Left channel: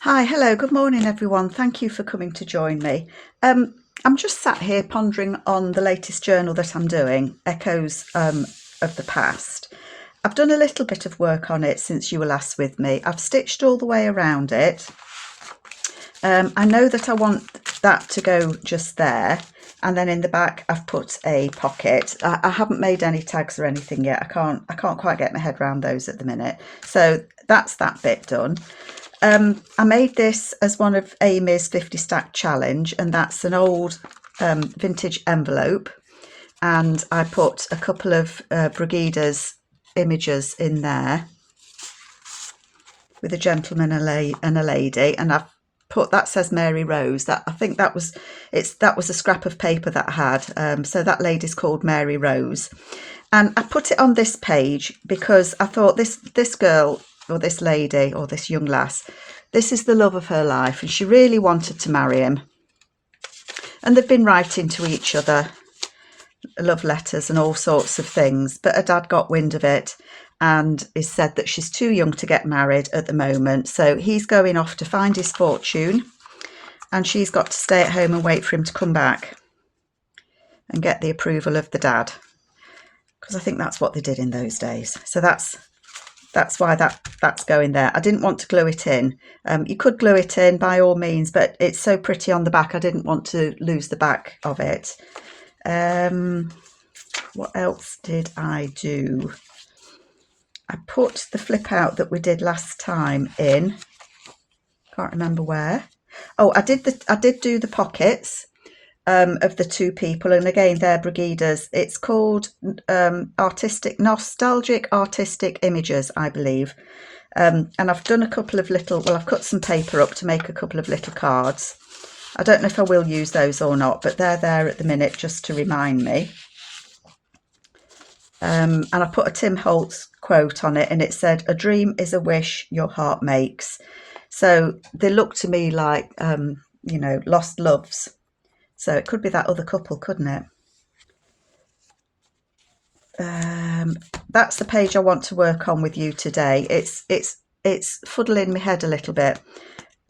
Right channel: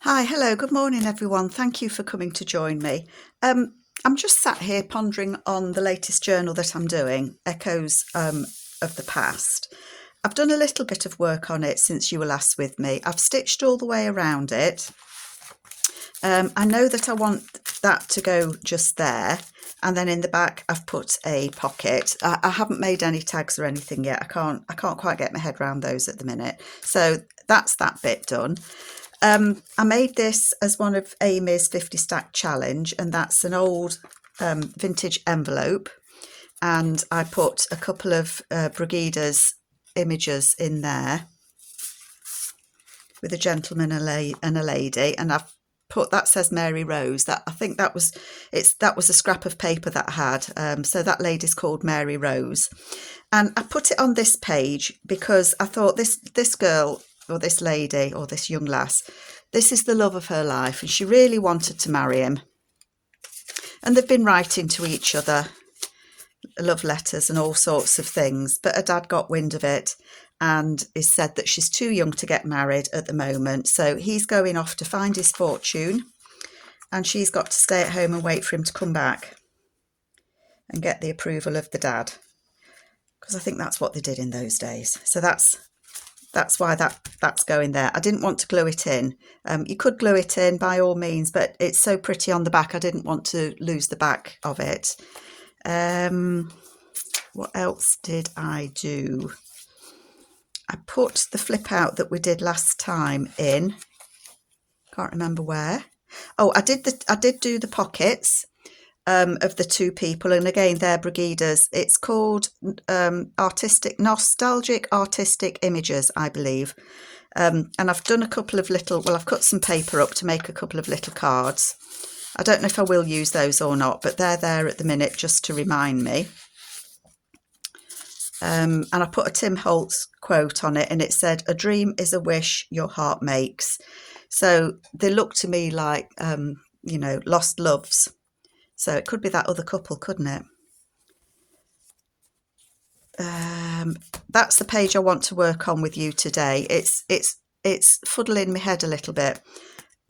Hi, hello, good morning everyone. Thank you for coming to join me. I'm just sat here pondering on the latest journal that I'm doing, Echoes of the Past. I've done a little bit of work on it since you were last with me. I've stitched all the way around it. I know that I want that to go just there, and then in the back I've put a pocket. I haven't made any tags or anything yet. I can't quite get my head around those at the minute. So that's that bit done. I made this as one of Amy's 50 stack challenge, and that's an old vintage envelope, and I put a couple of Brigida's images in there with a gentleman and a lady, and I've put, that says Mary Rose. That, I think that was a scrap of paper that I had, so that lady's called Mary Rose, and I put it on this page because I thought this girl, or this lady, or this young lass, this is the love of her life, and she really wanted to marry him. And they've been writing to each other love letters and all sorts of things, but her dad got wind of it and has said that she's too young to get married at the moment, so he's going off to find his fortune, and she's got to stay at home and wait for him to come back and get the approval of the dad, because I think that's what they did in those days. So that's why that's going there. I didn't want to glue it in. You could glue it in by all means, but it's so pretty on the back, I didn't want to lose the back of it. What else did I do? I put the flip out that we did last time in. Can't remember where. Oh, I did do the pockets of the two people, and again they're Brigida's. It's called Nostalgic Artistic Images, I believe. And I've done a couple of little, well, I've cut some paper up to make a couple of little cards. I don't know if I will use those or not, but they're there at the minute just to remind me. And I put a Tim Holtz quote on it, and it said, "A dream is a wish your heart makes." So they look to me like, lost loves. So it could be that other couple, couldn't it? That's the page I want to work on with you today. It's fuddling my head a little bit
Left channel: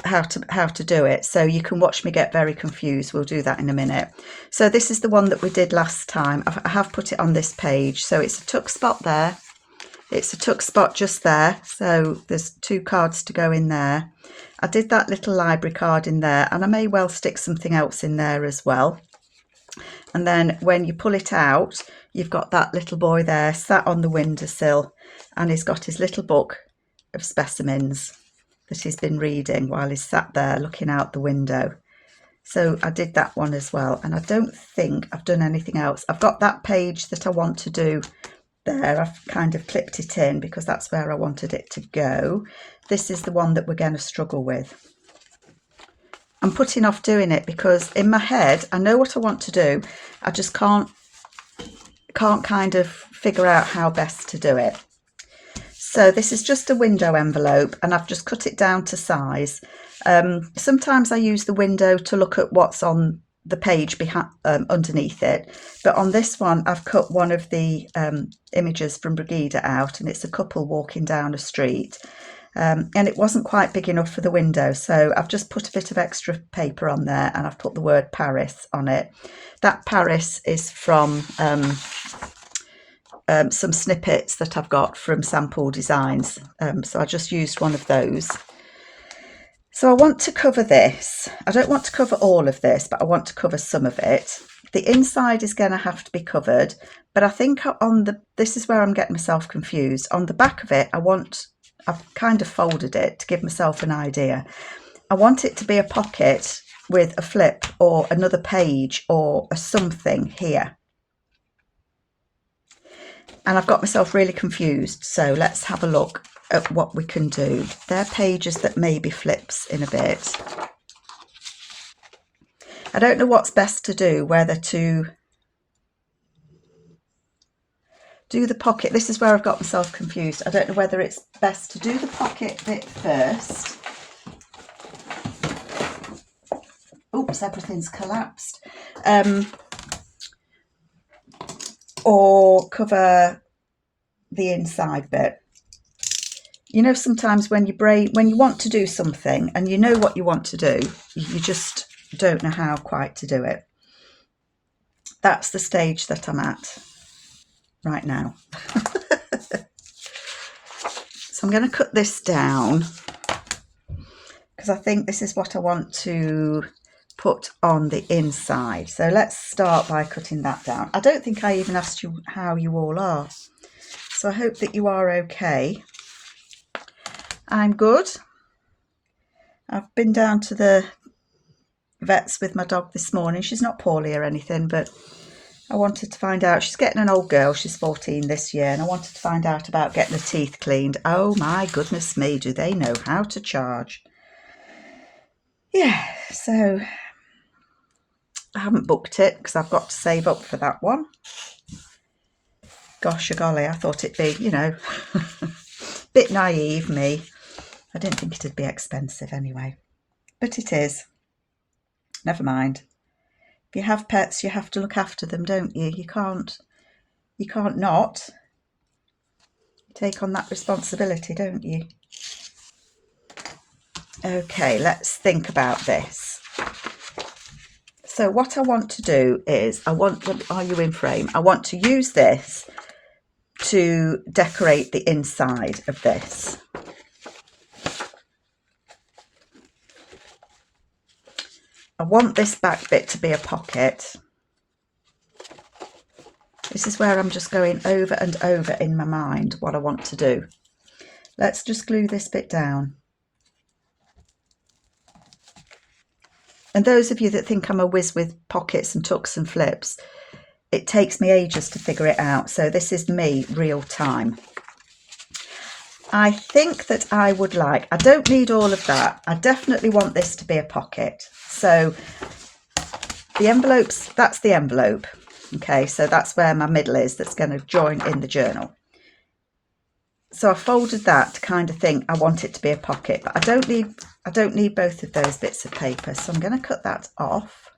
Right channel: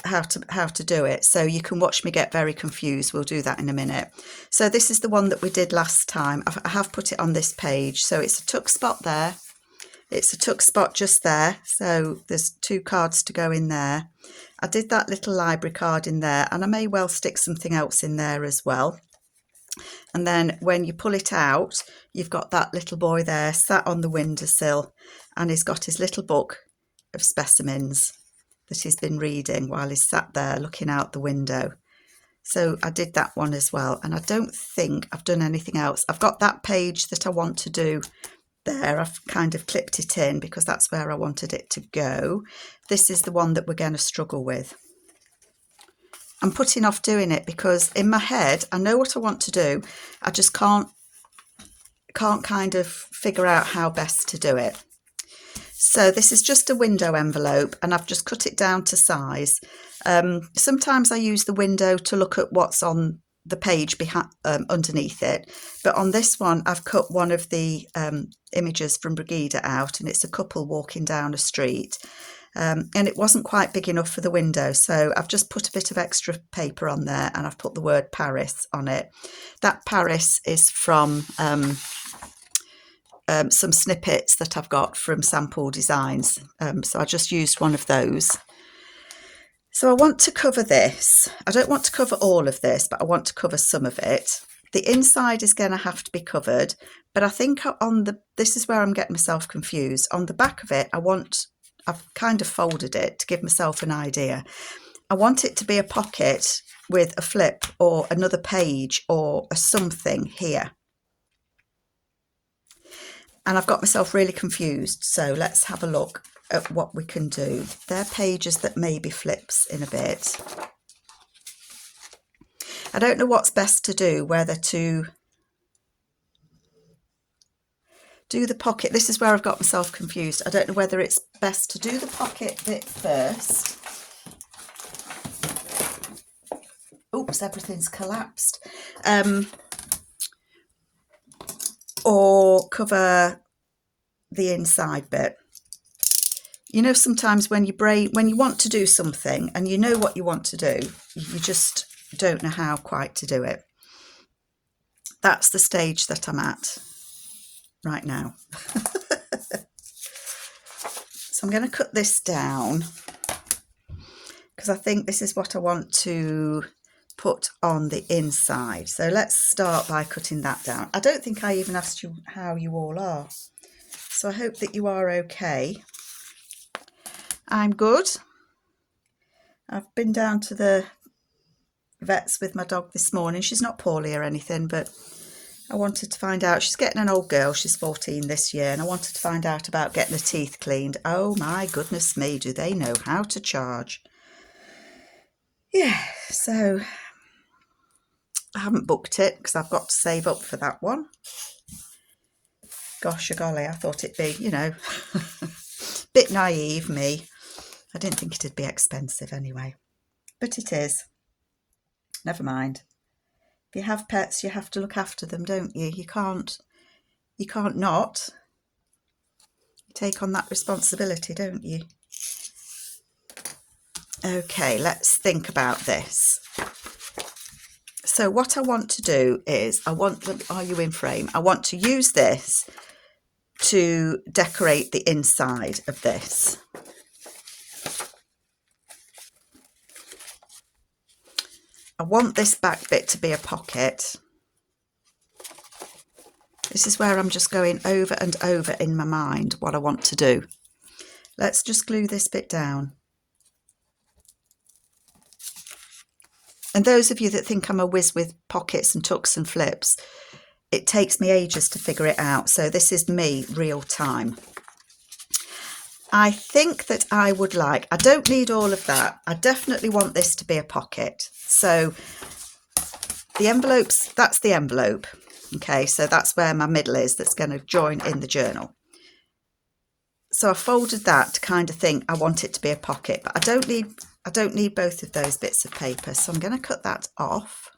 how to do it, so you can watch me get very confused. We'll do that in a minute. So this is the one that we did last time. I have put it on this page, so it's a tuck spot there, it's a tuck spot just there, so there's two cards to go in there. I did that little library card in there, and I may well stick something else in there as well. And then when you pull it out, you've got that little boy there sat on the windowsill, and he's got his little book of specimens that he's been reading while he's sat there looking out the window. So I did that one as well, and I don't think I've done anything else. I've got that page that I want to do there. I've kind of clipped it in because that's where I wanted it to go. This is the one that we're going to struggle with. I'm putting off doing it because in my head I know what I want to do, I just can't kind of figure out how best to do it. So this is just a window envelope, and I've just cut it down to size. Sometimes I use the window to look at what's on the page underneath it, but on this one I've cut one of the images from Brigida out, and it's a couple walking down a street, and it wasn't quite big enough for the window, so I've just put a bit of extra paper on there, and I've put the word Paris on it. That Paris is from some snippets that I've got from Sample Designs, so I just used one of those. So I want to cover this. I don't want to cover all of this, but I want to cover some of it. The inside is going to have to be covered, but I think this is where I'm getting myself confused. On the back of it, I've kind of folded it to give myself an idea. I want it to be a pocket with a flip or another page or a something here. And I've got myself really confused, so let's have a look at what we can do. They're pages that maybe flips in a bit. I don't know what's best to do, whether to do the pocket. This is where I've got myself confused. I don't know whether it's best to do the pocket bit first. Oops, everything's collapsed. Or cover the inside bit. You know, sometimes when when you want to do something and you know what you want to do, you just don't know how quite to do it. That's the stage that I'm at right now. So I'm going to cut this down because I think this is what I want to put on the inside. So let's start by cutting that down. I don't think I even asked you how you all are. So I hope that you are okay. I'm good. I've been down to the vets with my dog this morning. She's not poorly or anything, but I wanted to find out. She's getting an old girl. She's 14 this year, and I wanted to find out about getting her teeth cleaned. Oh my goodness me, do they know how to charge? Yeah, so I haven't booked it because I've got to save up for that one. Gosh, golly, I thought it'd be, you know, bit naive me. I didn't think it'd be expensive anyway, but it is. Never mind. If you have pets, you have to look after them, don't you? You can't not. You take on that responsibility, don't you? Okay, let's think about this. So what I want to do is, are you in frame? I want to use this to decorate the inside of this. I want this back bit to be a pocket. This is where I'm just going over and over in my mind what I want to do. Let's just glue this bit down. And those of you that think I'm a whiz with pockets and tucks and flips, it takes me ages to figure it out. So this is me real time. I think that I would like, I don't need all of that. I definitely want this to be a pocket. So the envelopes, that's the envelope. Okay, so that's where my middle is, that's going to join in the journal. So I folded that to kind of think I want it to be a pocket, but I don't need both of those bits of paper. So I'm going to cut that off.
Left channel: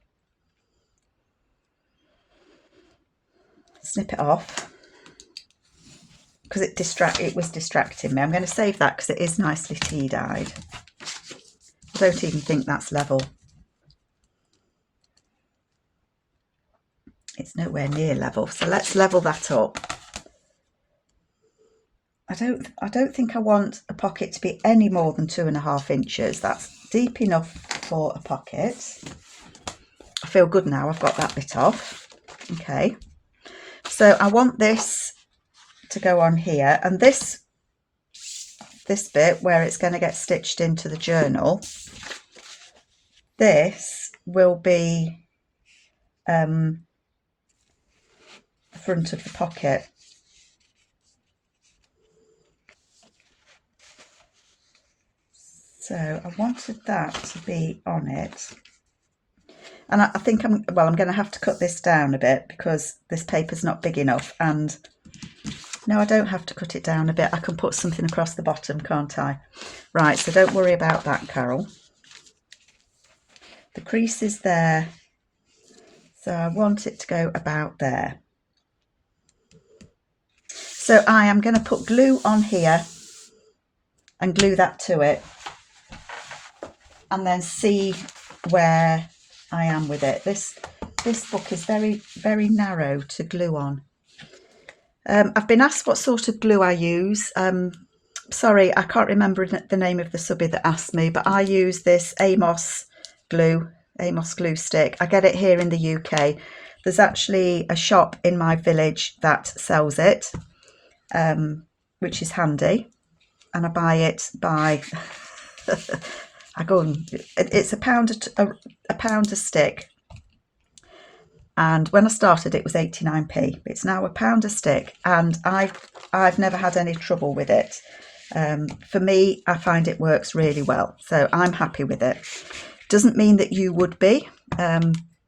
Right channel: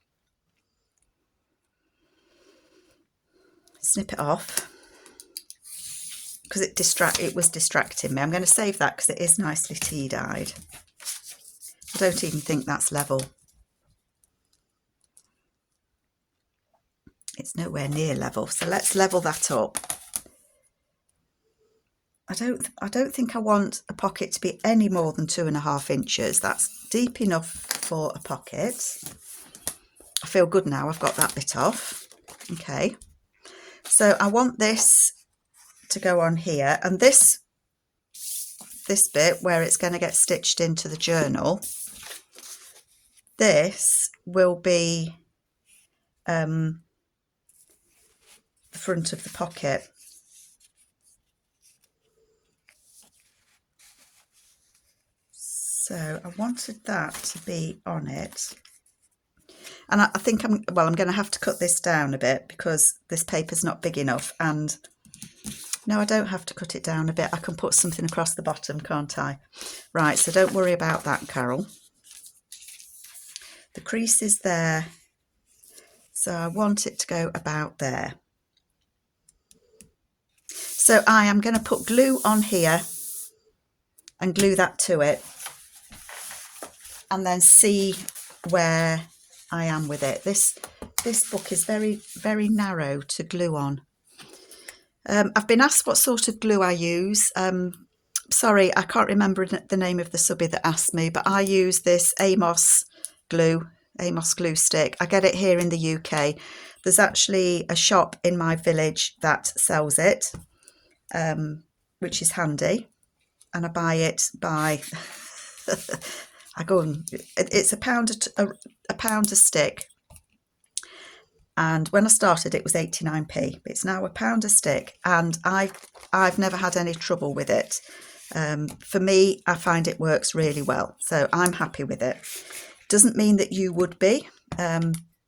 Snip it off because it was distracting me. I'm going to save that because it is nicely tea-dyed. I don't even think that's level. It's nowhere near level, so let's level that up. I don't think I want a pocket to be any more than 2.5 inches. That's deep enough for a pocket. I feel good now, I've got that bit off. Okay, so I want this to go on here, and this bit where it's going to get stitched into the journal, this will be the front of the pocket. So I wanted that to be on it. And I think I'm going to have to cut this down a bit because this paper's not big enough. And no, I don't have to cut it down a bit. I can put something across the bottom, can't I? Right, so don't worry about that, Carol. The crease is there. So I want it to go about there. So I am going to put glue on here and glue that to it. And then see where I am with it. This book is very, very narrow to glue on. I've been asked what sort of glue I use. Sorry, I can't remember the name of the subby that asked me, but I use this Amos glue stick. I get it here in the UK. There's actually a shop in my village that sells it, which is handy. And I buy it by... it's £1 a stick, and when I started it was 89p. It's now £1 a stick, and I've never had any trouble with it. For me, I find it works really well, so I'm happy with it. Doesn't mean that you would be.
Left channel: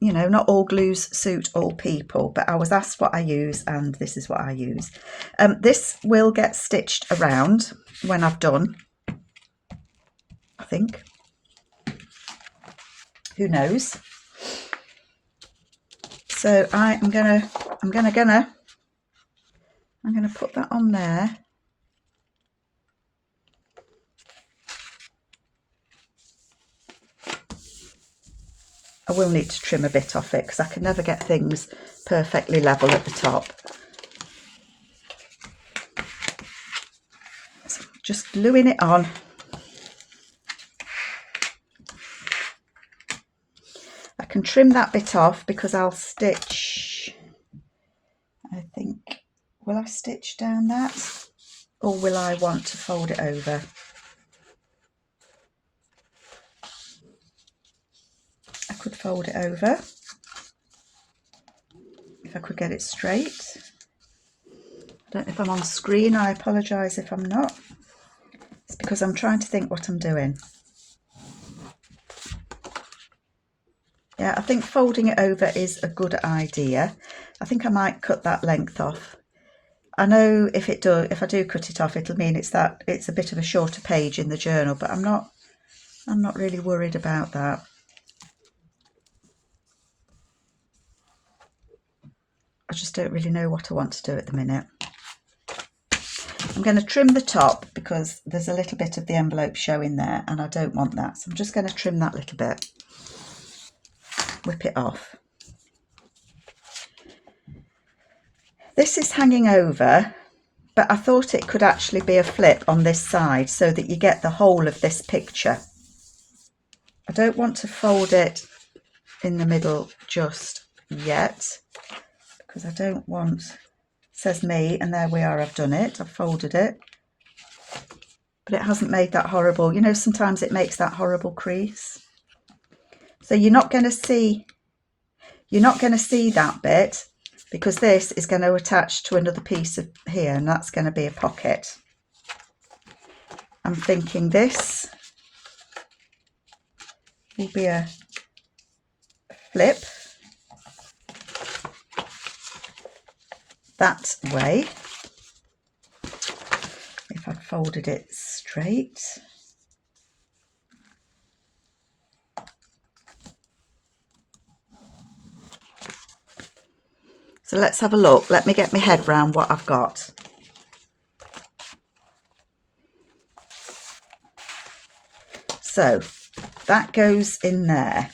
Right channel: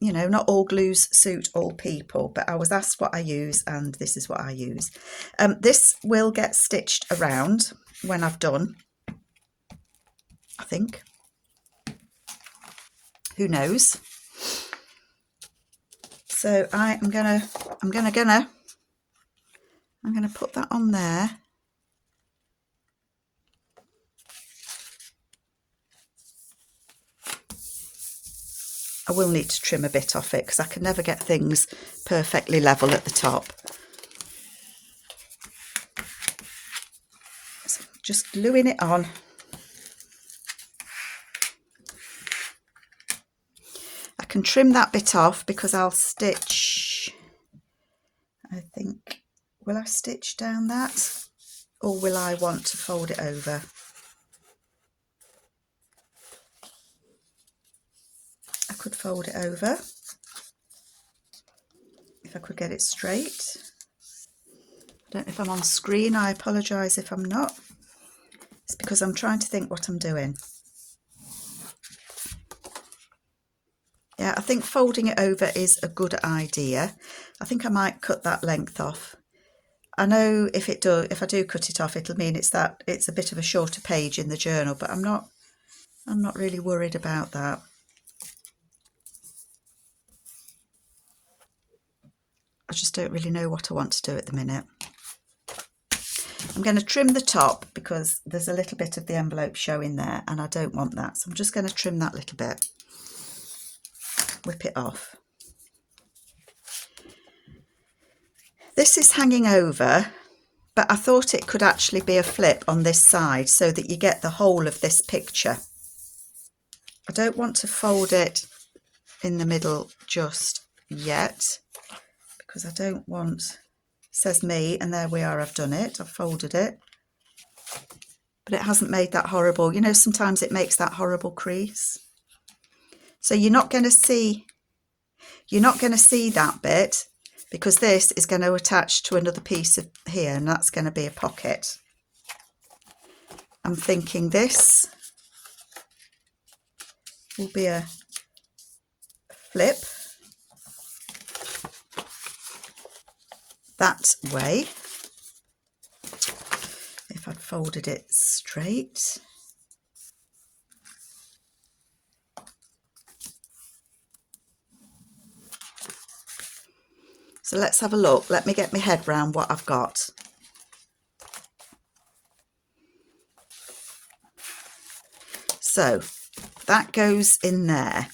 You know, not all glues suit all people, but I was asked what I use, and this is what I use. This will get stitched around when I've done, I think. Who knows? So I'm gonna put that on there. I will need to trim a bit off it because I can never get things perfectly level at the top. So just gluing it on. I can trim that bit off because I'll stitch, I think, will I stitch down that or will I want to fold it over? I could fold it over if I could get it straight. I don't know if I'm on screen, I apologise if I'm not. It's because I'm trying to think what I'm doing. Yeah, I think folding it over is a good idea. I think I might cut that length off. I know if I do cut it off, it'll mean it's a bit of a shorter page in the journal, but I'm not really worried about that. I just don't really know what I want to do at the minute. I'm going to trim the top because there's a little bit of the envelope showing there and I don't want that. So I'm just going to trim that little bit, whip it off. This is hanging over, but I thought it could actually be a flip on this side so that you get the whole of this picture. I don't want to fold it in the middle just yet because I don't want, says me, and there we are, I've done it, I've folded it, but it hasn't made that horrible, you know, sometimes it makes that horrible crease. So you're not going to see that bit because this is going to attach to another piece of here and that's going to be a pocket. I'm thinking this will be a flip that way if I'd folded it straight. So let's have a look. Let me get my head round what I've got. So that goes in there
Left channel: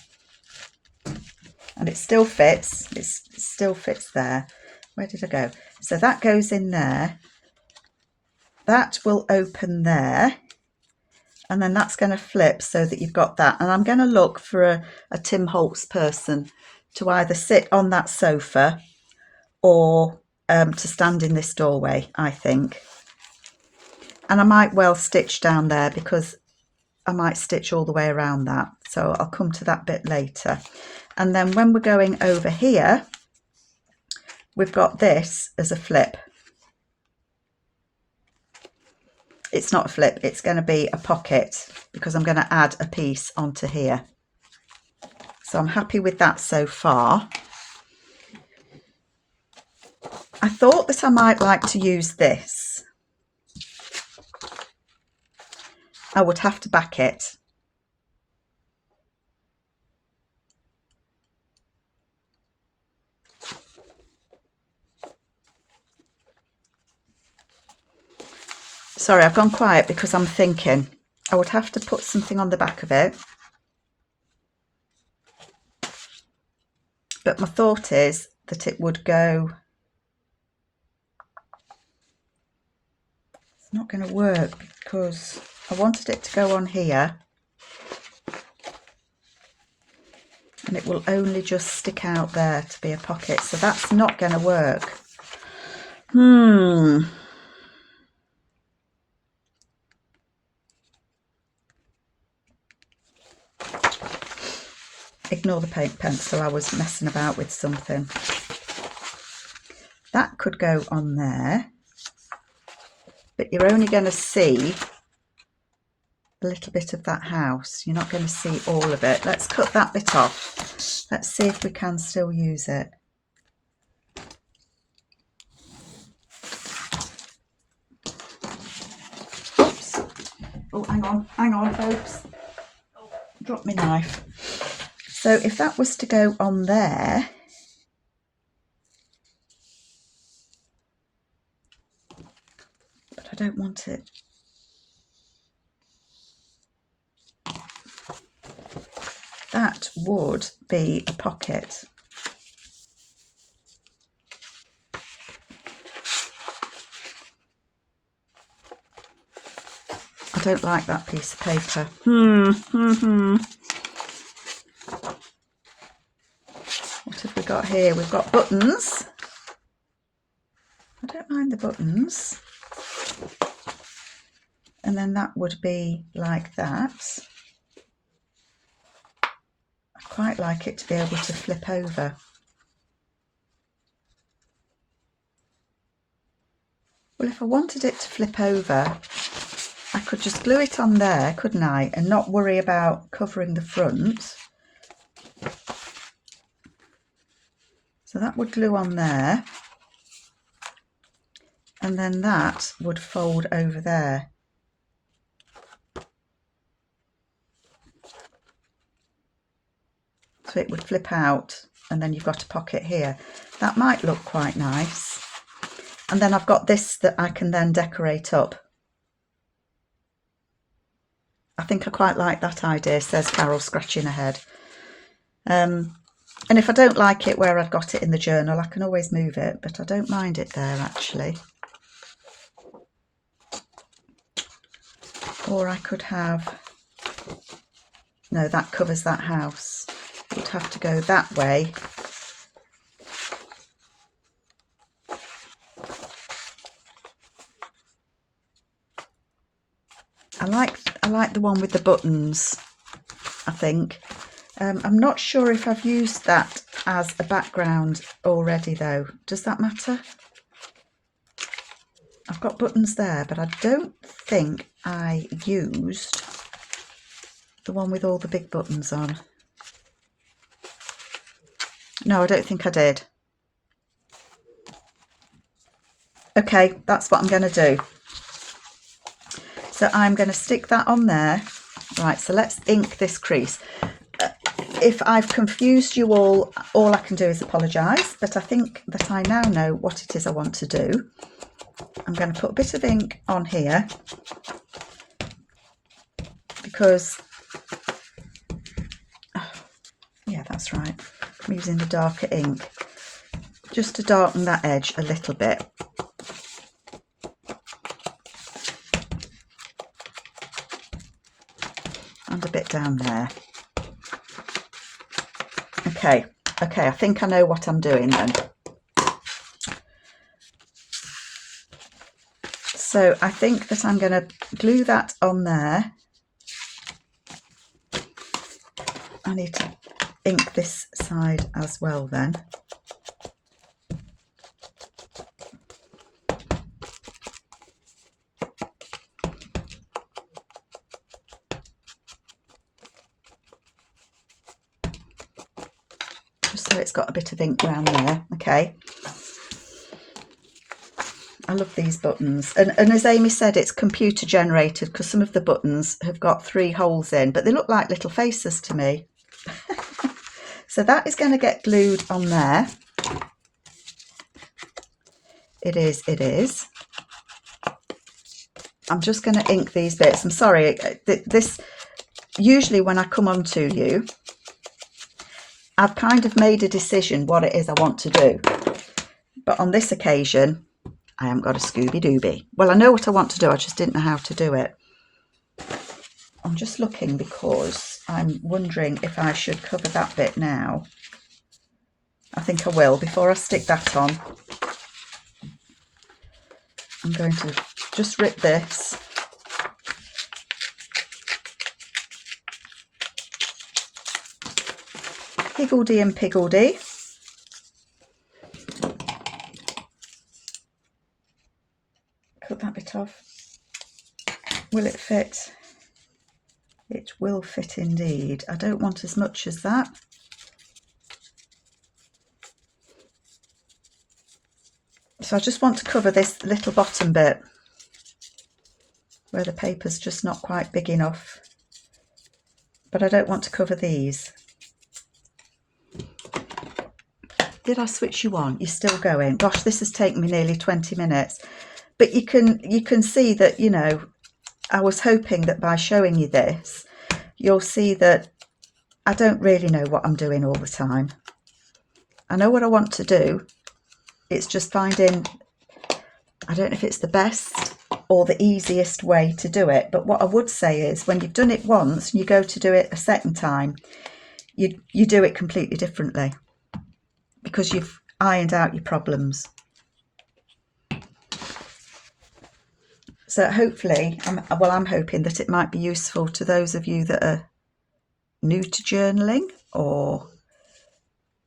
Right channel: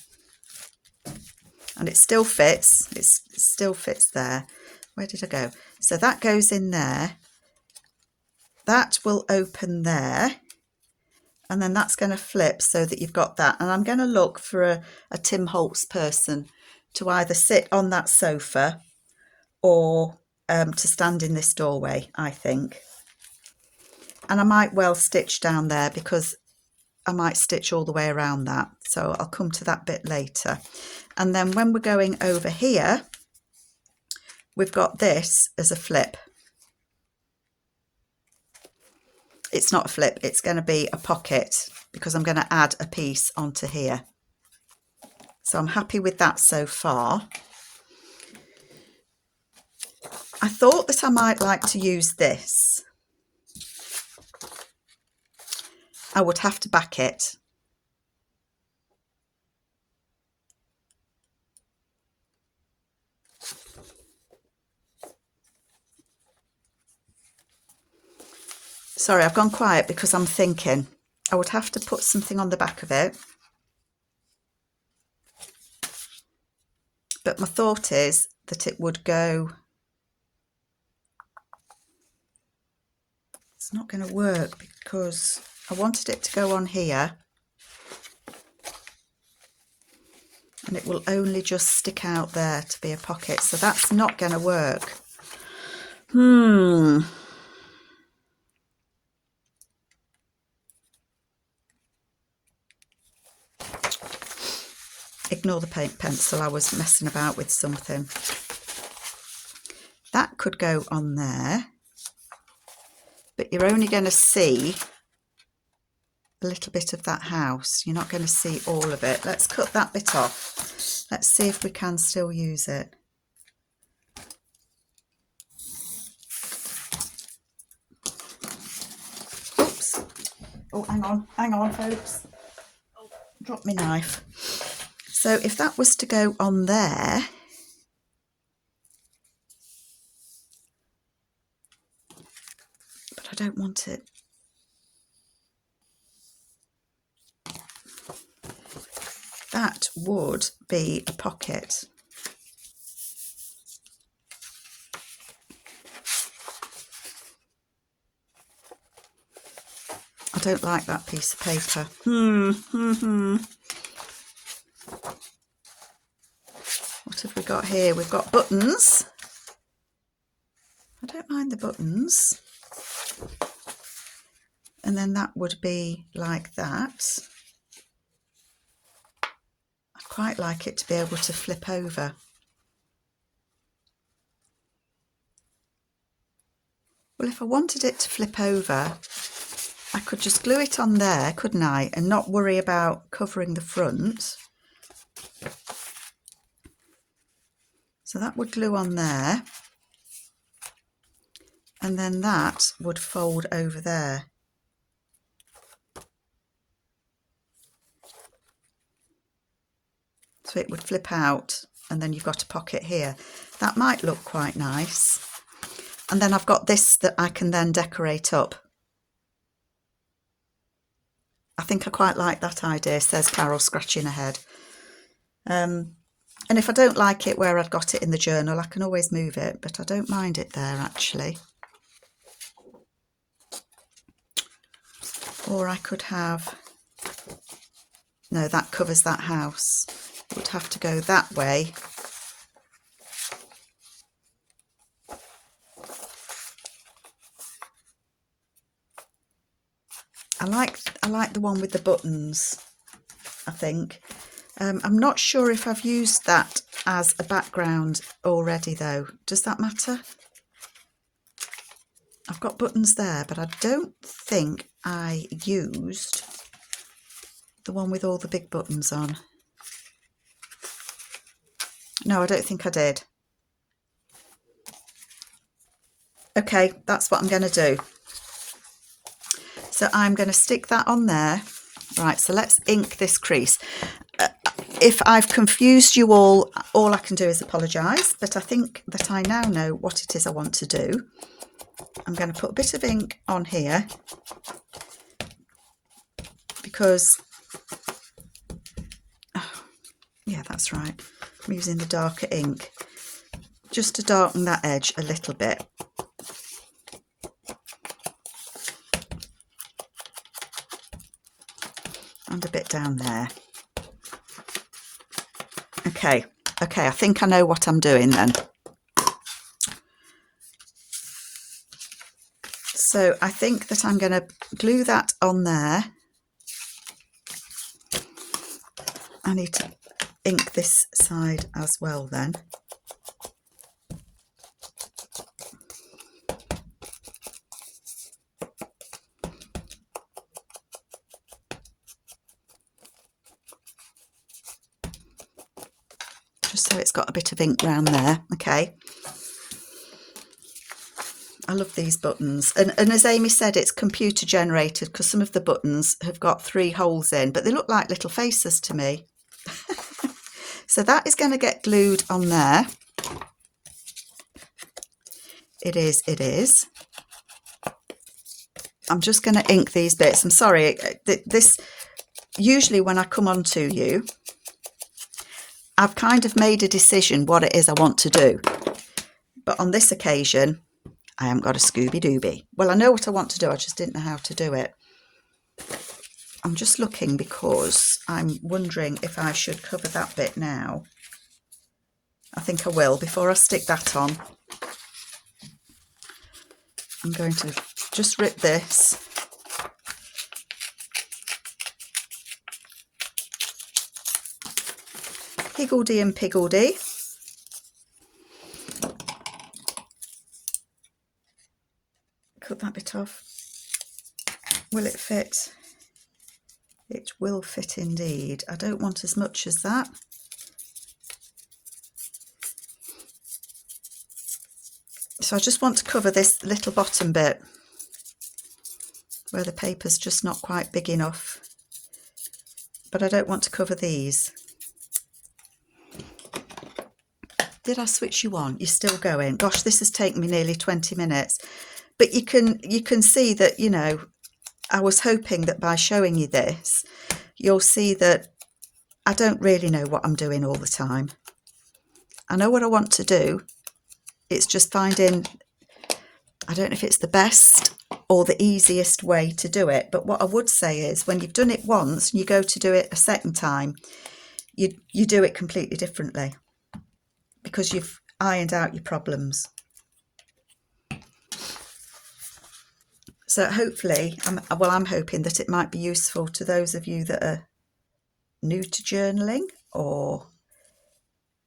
and it still fits. It still fits there. Where did I go? So that goes in there. That will open there. And then that's going to flip so that you've got that. And I'm going to look for a Tim Holtz person to either sit on that sofa or to stand in this doorway, I think. And I might well stitch down there because I might stitch all the way around that. So I'll come to that bit later. And then when we're going over here, we've got this as a flip. It's not a flip, it's going to be a pocket because I'm going to add a piece onto here. So I'm happy with that so far. I thought that I might like to use this. I would have to back it. Sorry, I've gone quiet because I'm thinking I would have to put something on the back of it. But my thought is that it would go... It's not going to work because I wanted it to go on here. And it will only just stick out there to be a pocket. So that's not going to work. Ignore the paint pencil, I was messing about with something. That could go on there, but you're only going to see a little bit of that house. You're not going to see all of it. Let's cut that bit off. Let's see if we can still use it. Oops. Oh, hang on, folks. Drop my knife. So if that was to go on there, but I don't want it. that would be a pocket. I don't like that piece of paper. What have we got here? We've got buttons. I don't mind the buttons. And then that would be like that. I quite like it to be able to flip over. Well, if I wanted it to flip over, I could just glue it on there, couldn't I? And not worry about covering the front. So that would glue on there. And then that would fold over there. So it would flip out, and then you've got a pocket here. That might look quite nice. And then I've got this that I can then decorate up. I think I quite like that idea, says Carol, scratching her head. And if I don't like it where I've got it in the journal, I can always move it, but I don't mind it there actually. Or I could have, no, that covers that house. You'd have to go that way. I like the one with the buttons, I think. I'm not sure if I've used that as a background already though. Does that matter? I've got buttons there, but I don't think I used the one with all the big buttons on. No, I don't think I did. Okay, that's what I'm going to do. So I'm going to stick that on there. Right, so let's ink this crease. If I've confused you all I can do is apologise, but I think that I now know what it is I want to do. I'm going to put a bit of ink on here because, yeah, that's right. I'm using the darker ink just to darken that edge a little bit. And a bit down there. Okay, I think I know what I'm doing then. So I think that I'm going to glue that on there. I need to ink this side as well then. Just so it's got a bit of ink around there. Okay. I love these buttons. And as Amy said, it's computer generated because some of the buttons have got 3 holes in, but they look like little faces to me. So that is going to get glued on there. It is. I'm just going to ink these bits. I'm sorry, this usually when I come on to you, I've kind of made a decision what it is I want to do. But on this occasion, I haven't got a Scooby-Dooby. Well, I know what I want to do, I just didn't know how to do it. I'm just looking because I'm wondering if I should cover that bit now. I think I will. Before I stick that on, I'm going to just rip this. Higgledy and piggledy. Cut that bit off. Will it fit? It will fit indeed. I don't want as much as that. So I just want to cover this little bottom bit where the paper's just not quite big enough. But I don't want to cover these. Did I switch you on? You're still going. Gosh, this has taken me nearly 20 minutes. But you can see that, you know, I was hoping that by showing you this, you'll see that I don't really know what I'm doing all the time. I know what I want to do. It's just finding, I don't know if it's the best or the easiest way to do it. But what I would say is when you've done it once and you go to do it a second time, you do it completely differently because you've ironed out your problems. So hopefully, I'm hoping that it might be useful to those of you that are new to journaling, or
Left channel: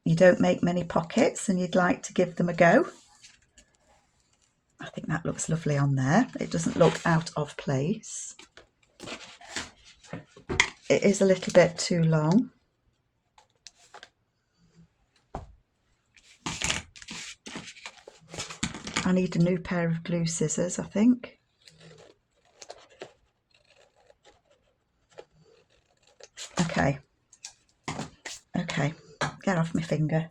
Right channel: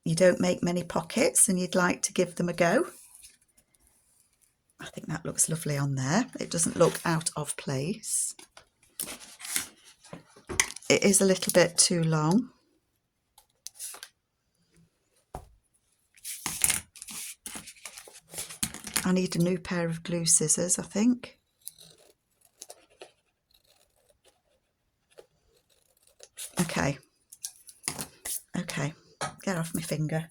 you don't make many pockets and you'd like to give them a go. I think that looks lovely on there. It doesn't look out of place. It is a little bit too long. I need a new pair of glue scissors, I think. Okay, get off my finger.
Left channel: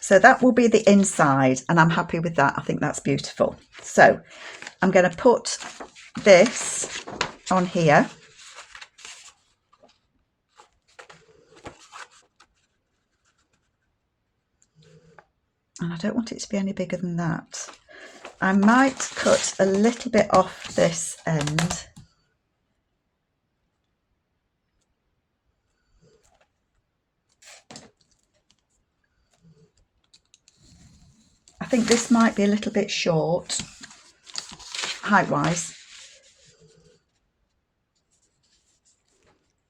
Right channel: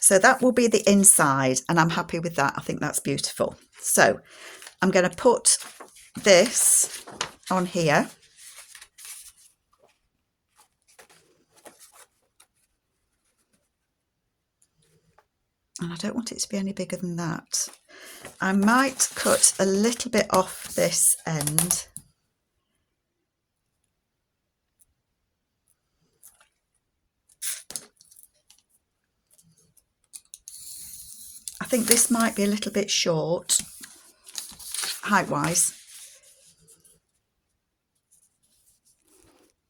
So that will be the inside, and I'm happy with that. I think that's beautiful. So I'm going to put this on here. And I don't want it to be any bigger than that. I might cut a little bit off this end. I think this might be a little bit short, height-wise.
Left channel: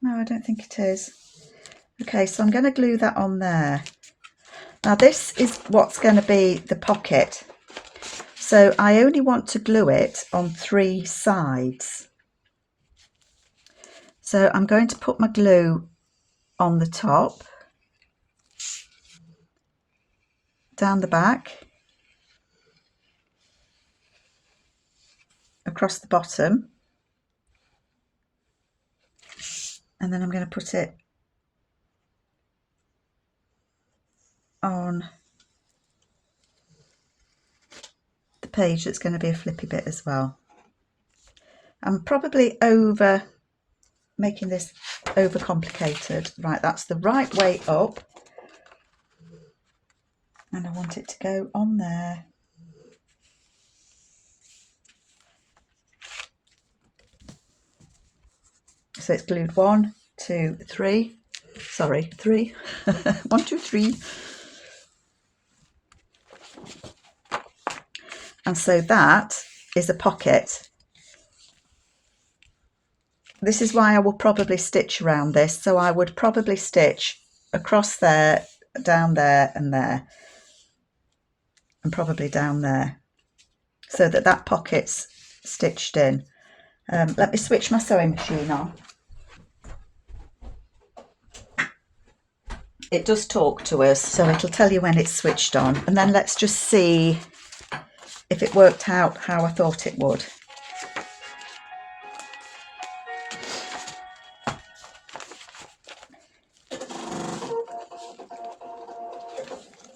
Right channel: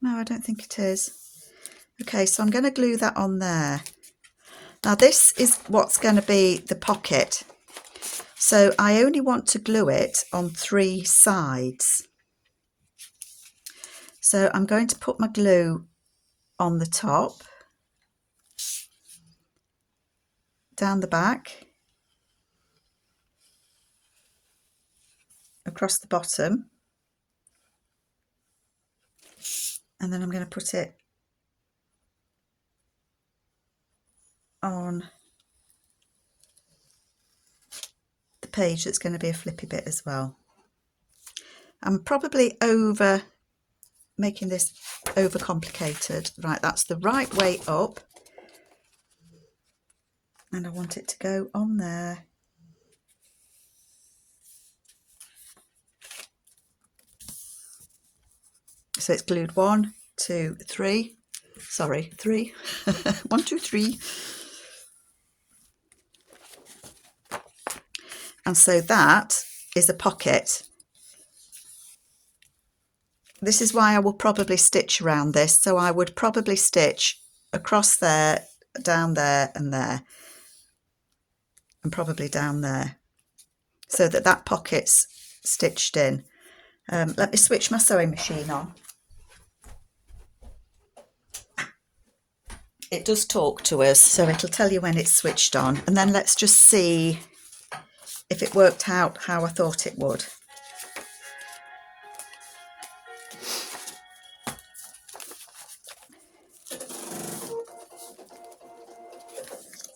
No, I don't think it is. Okay, so I'm going to glue that on there. Now this is what's going to be the pocket. So I only want to glue it on 3 sides. So I'm going to put my glue on the top, down the back, across the bottom, and then I'm going to put it on the page that's going to be a flippy bit as well. I'm probably making this over complicated. Right, that's the right way up, and I want it to go on there. So it's glued 1, 2, 3. Sorry, 3. 1, 2, 3. And so that is a pocket. This is why I will probably stitch around this. So I would probably stitch across there, down there, and probably down there, so that that pocket's stitched in. Let me switch my sewing machine on. It does talk to us, so it'll tell you when it's switched on. And then let's just see if it worked out how I thought it would.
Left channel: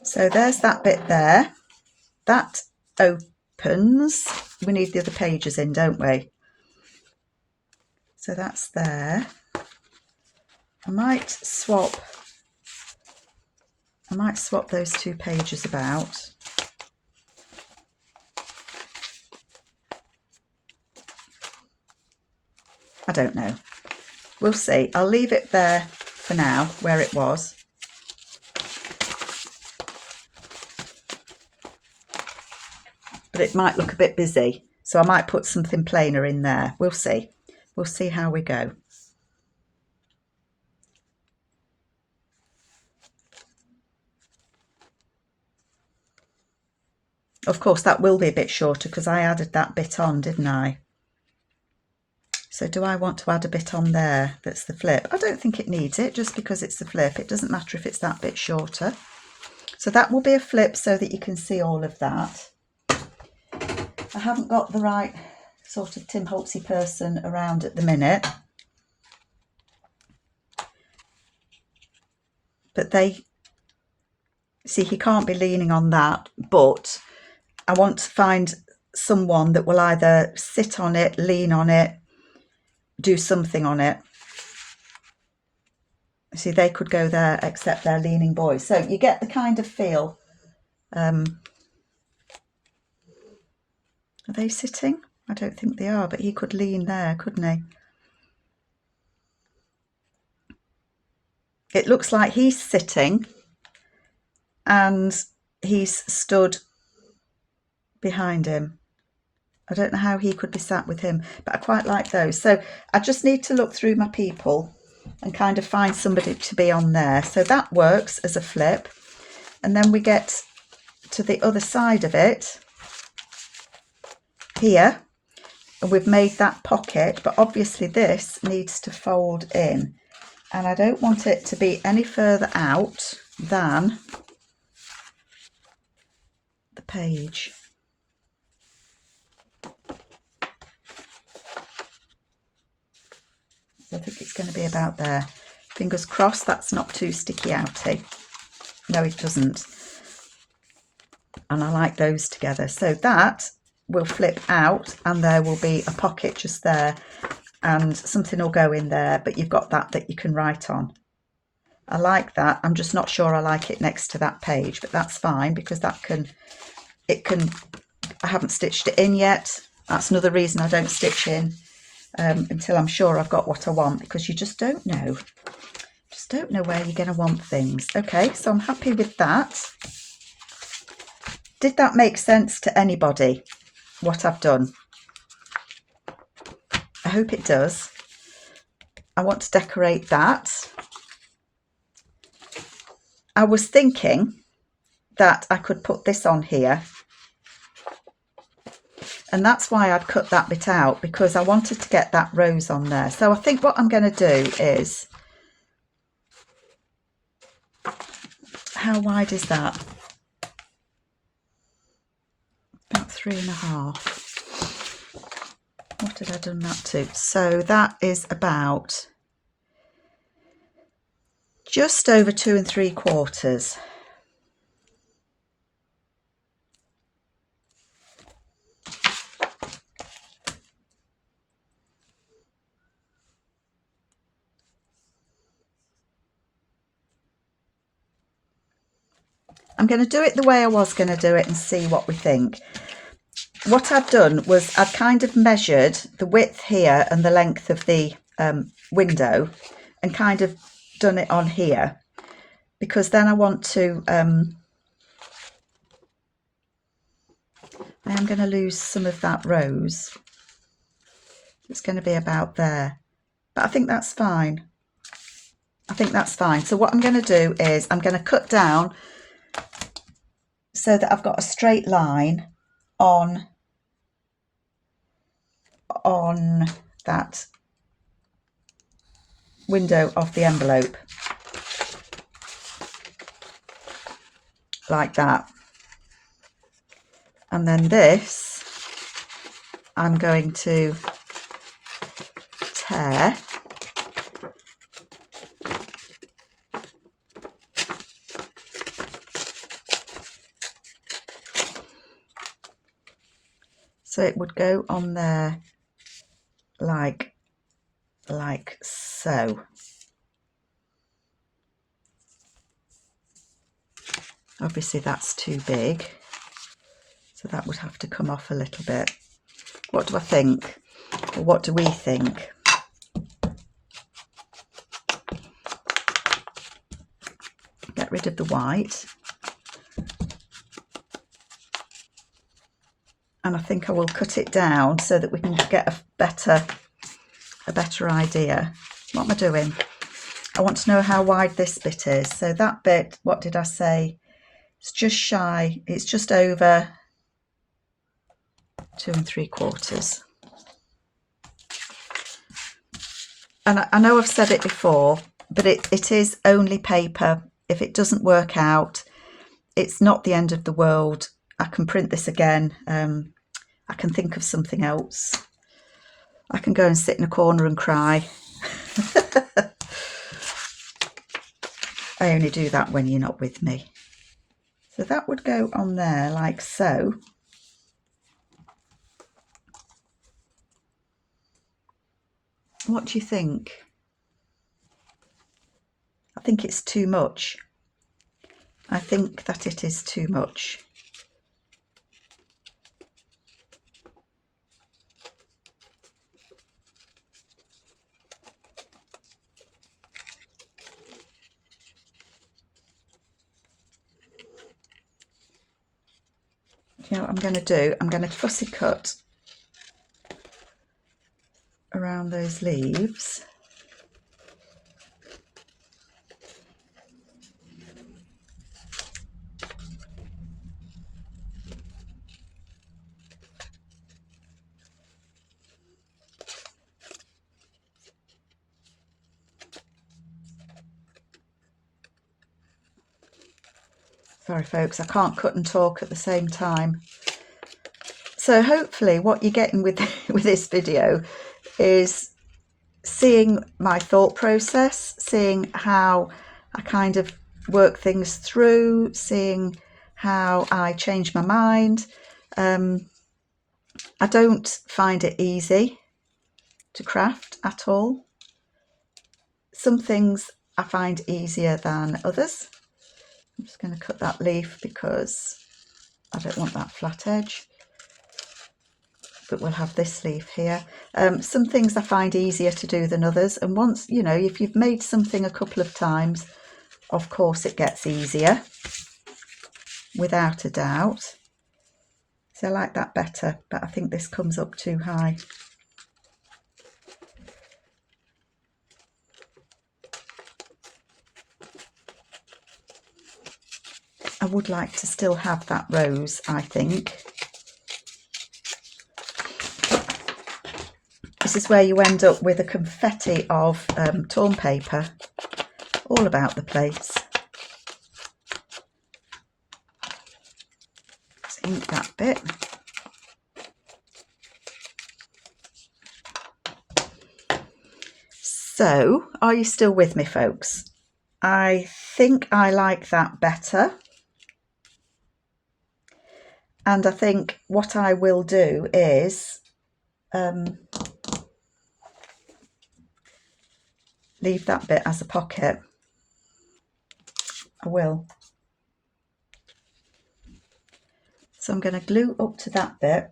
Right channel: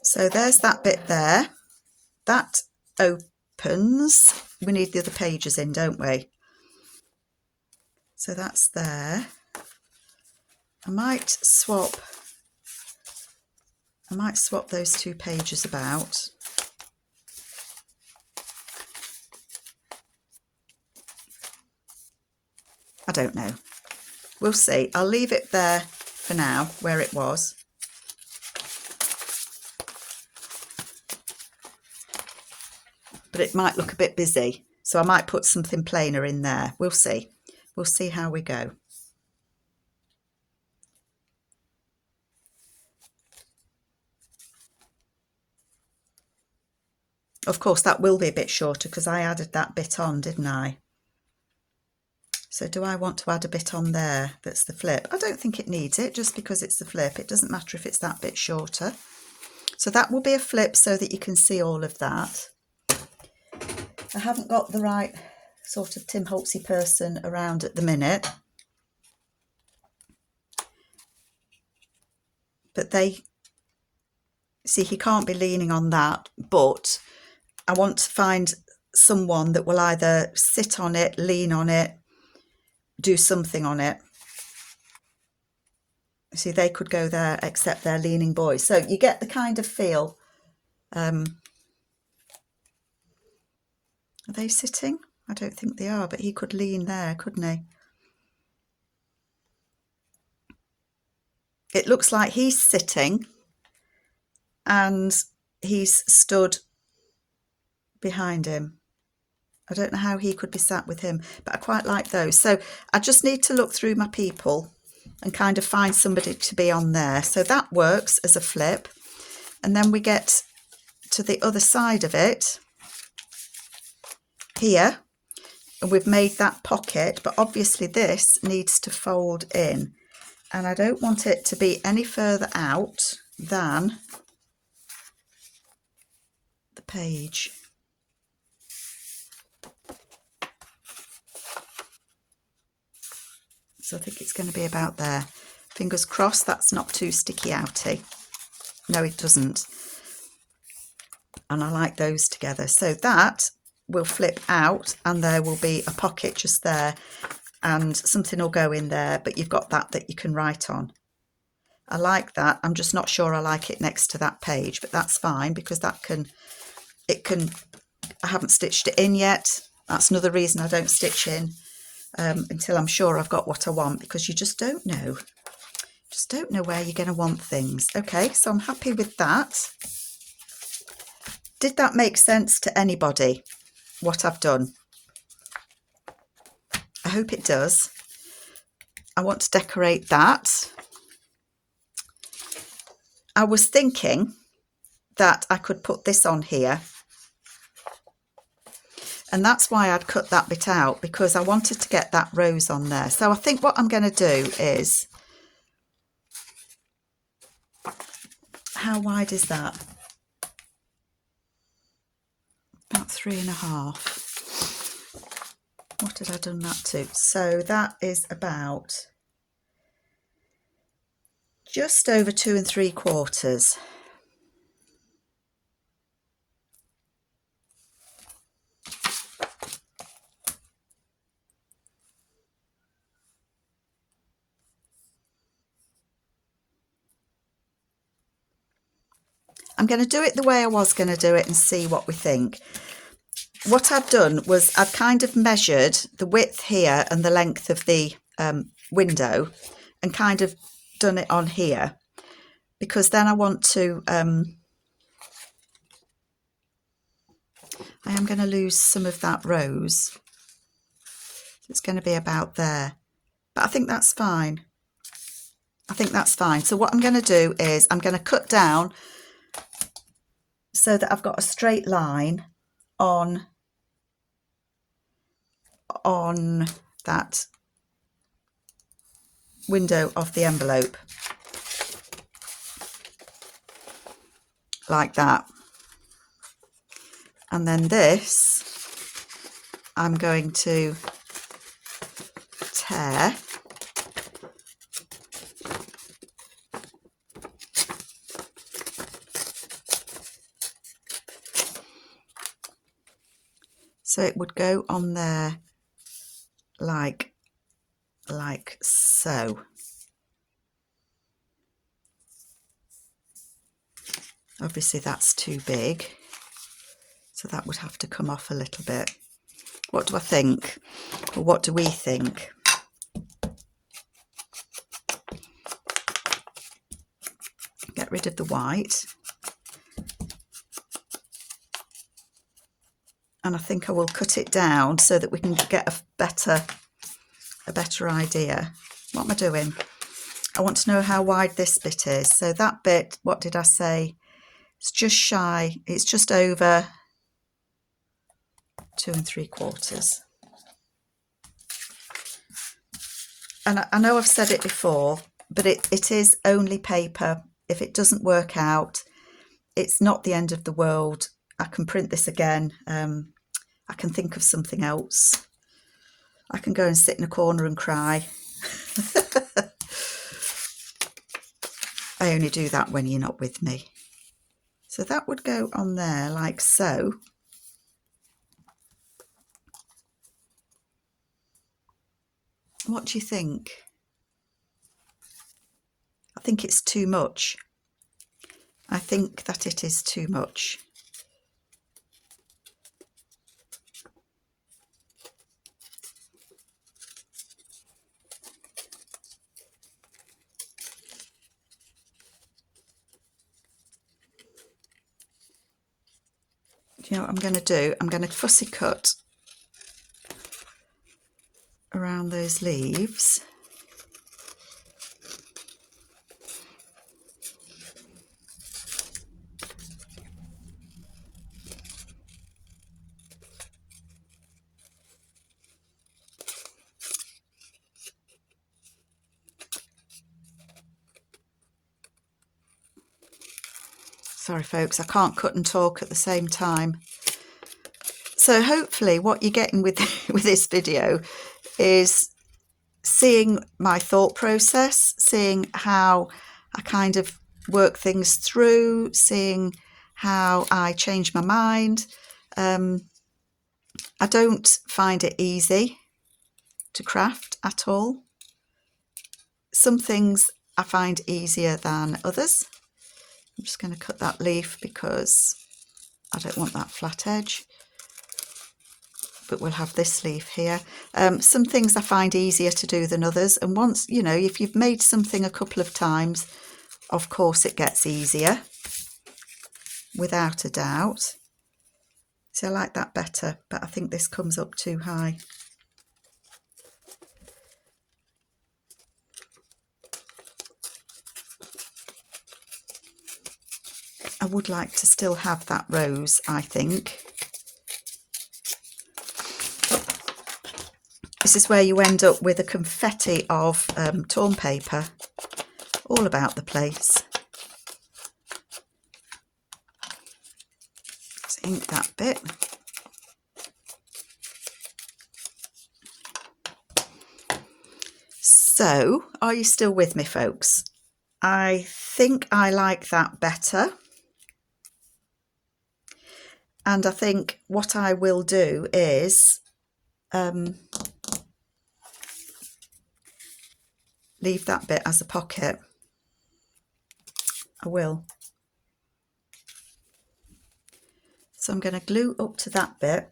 So there's that bit there. That opens. We need the other pages in, don't we? So that's there. I might swap those 2 pages about. I don't know. We'll see. I'll leave it there for now, where it was. But it might look a bit busy, so I might put something plainer in there. We'll see. We'll see how we go. Of course, that will be a bit shorter because I added that bit on, didn't I? So do I want to add a bit on there that's the flip? I don't think it needs it, just because it's the flip. It doesn't matter if it's that bit shorter. So that will be a flip so that you can see all of that. I haven't got the right sort of Tim Holtzy person around at the minute. But see, he can't be leaning on that, but I want to find someone that will either sit on it, lean on it, do something on it. See, they could go there except they're leaning boys. So you get the kind of feel. Are they sitting? I don't think they are, but he could lean there, couldn't he? It looks like he's sitting and he's stood behind him. I don't know how he could be sat with him, but I quite like those. So I just need to look through my people and kind of find somebody to be on there. So that works as a flip. And then we get to the other side of it here, and we've made that pocket, but obviously this needs to fold in, and I don't want it to be any further out than the page. So I think it's going to be about there. Fingers crossed that's not too sticky outy. No, it doesn't. And I like those together. So that will flip out and there will be a pocket just there and something will go in there, but you've got that you can write on. I like that. I'm just not sure I like it next to that page, but that's fine because I haven't stitched it in yet. That's another reason I don't stitch in until I'm sure I've got what I want, because you just don't know. Just don't know where you're going to want things. Okay, so I'm happy with that. Did that make sense to anybody, what I've done? I hope it does. I want to decorate that. I was thinking that I could put this on here, and that's why I'd cut that bit out, because I wanted to get that rose on there. So I think what I'm going to do is, how wide is that? About 3.5. What did I done that to? So that is about just over 2 3/4. I'm going to do it the way I was going to do it and see what we think. What I've done was I've kind of measured the width here and the length of the window and kind of done it on here, because then I want to, I am going to lose some of that rose. It's going to be about there, but I think that's fine. I think that's fine. So what I'm going to do is I'm going to cut down so that I've got a straight line on that window of the envelope, like that. And then this I'm going to tear. So it would go on there like so. Obviously that's too big, so that would have to come off a little bit. What do I think? Or what do we think? Get rid of the white. And I think I will cut it down so that we can get a better idea. What am I doing? I want to know how wide this bit is. So that bit, what did I say? It's just shy, it's just over 2 3/4. And I know I've said it before, but it is only paper. If it doesn't work out, it's not the end of the world. I can print this again. I can think of something else. I can go and sit in a corner and cry. I only do that when you're not with me. So that would go on there like so. What do you think? think it's too much. I think that it is too much. Do you know what I'm going to do? I'm going to fussy cut around those leaves. Sorry folks, I can't cut and talk at the same time. So hopefully what you're getting with this video is seeing my thought process, seeing how I kind of work things through, seeing how I change my mind. I don't find it easy to craft at all. Some things I find easier than others. I'm just going to cut that leaf because I don't want that flat edge. But we'll have this leaf here. Some things I find easier to do than others. And once, you know, if you've made something a couple of times, of course it gets easier, without a doubt. So I like that better, but I think this comes up too high. I would like to still have that rose, I think. This is where you end up with a confetti of torn paper all about the place. Let's ink that bit. So, are you still with me, folks? I think I like that better. And I think what I will do is leave that bit as a pocket. I will. So I'm going to glue up to that bit.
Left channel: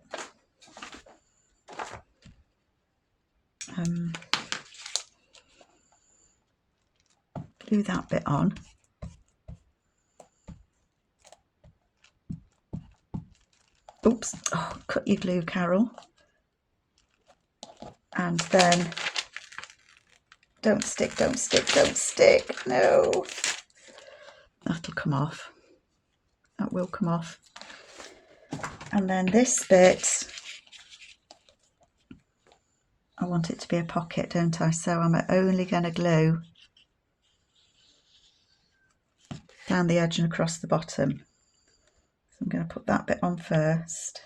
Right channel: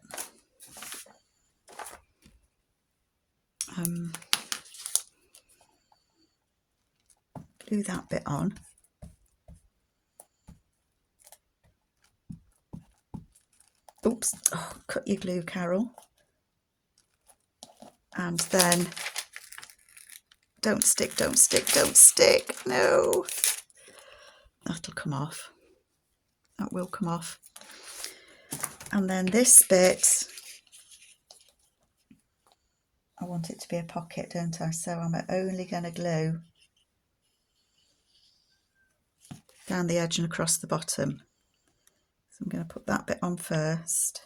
Glue that bit on. Oops, oh, cut your glue, Carol. And then, don't stick, don't stick, don't stick, no. That'll come off. That will come off. And then this bit, I want it to be a pocket, don't I? So I'm only going to glue down the edge and across the bottom. So I'm going to put that bit on first.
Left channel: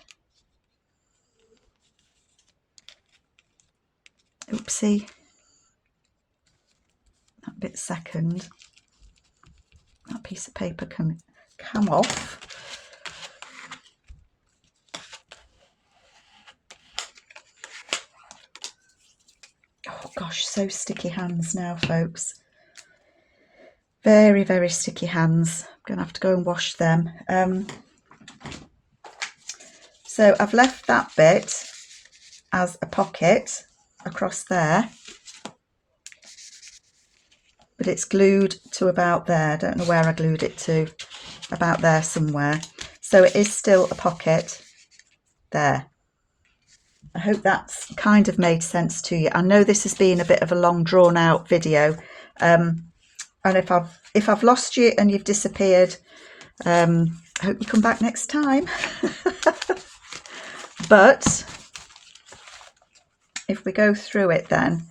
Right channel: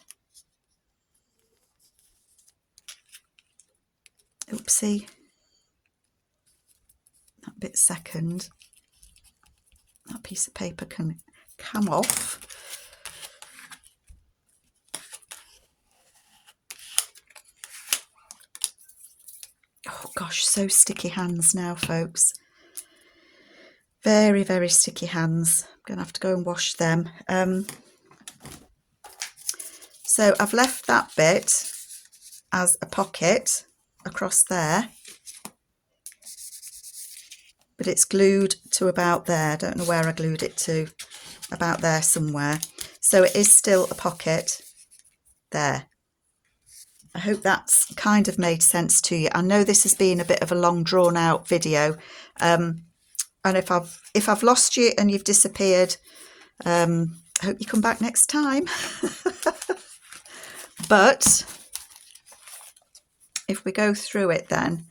Oopsie. That bit second. That piece of paper can come off. Oh gosh, so sticky hands now, folks. Very, very sticky hands. I'm going to have to go and wash them. So I've left that bit as a pocket across there, but it's glued to about there. I don't know where I glued it to, about there somewhere. So it is still a pocket there. I hope that's kind of made sense to you. I know this has been a bit of a long drawn out video. And if I've lost you and you've disappeared, I hope you come back next time. But if we go through it then,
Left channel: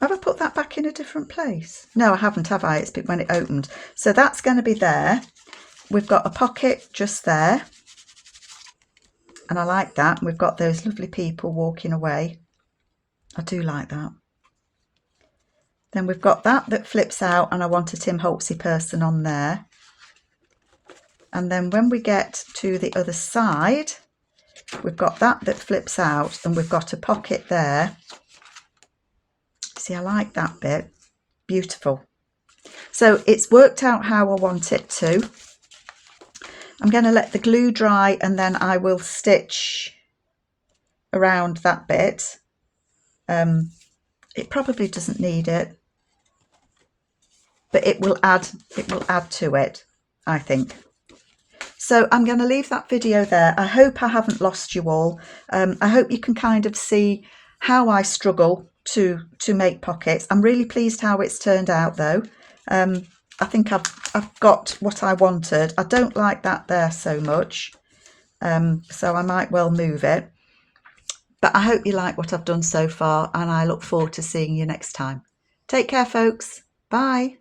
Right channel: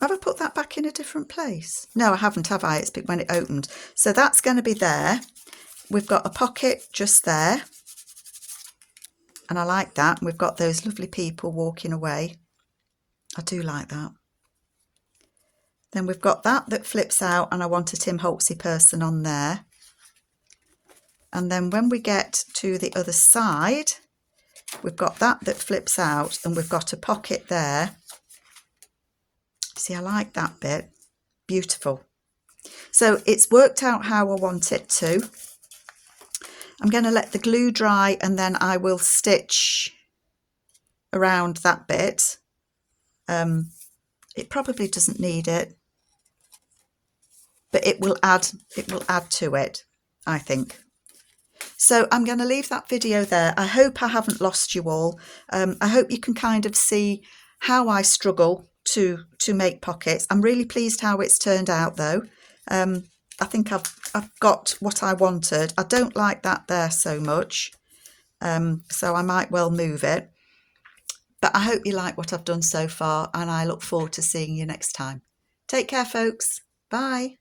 have I put that back in a different place? No, I haven't, have I? It's been when it opened. So that's going to be there. We've got a pocket just there. And I like that. We've got those lovely people walking away. I do like that. Then we've got that flips out, and I want a Tim Holtzy person on there. And then when we get to the other side, we've got that flips out, and we've got a pocket there. See, I like that bit. beautiful. So it's worked out how I want it to. I'm going to let the glue dry and then I will stitch around that bit. It probably doesn't need it, but it will add to it, I think. So I'm going to leave that video there. I hope I haven't lost you all. I hope you can kind of see how I struggle to make pockets. I'm really pleased how it's turned out though. I think I've got what I wanted. I don't like that there so much, so I might well move it. But I hope you like what I've done so far, and I look forward to seeing you next time. Take care, folks. Bye.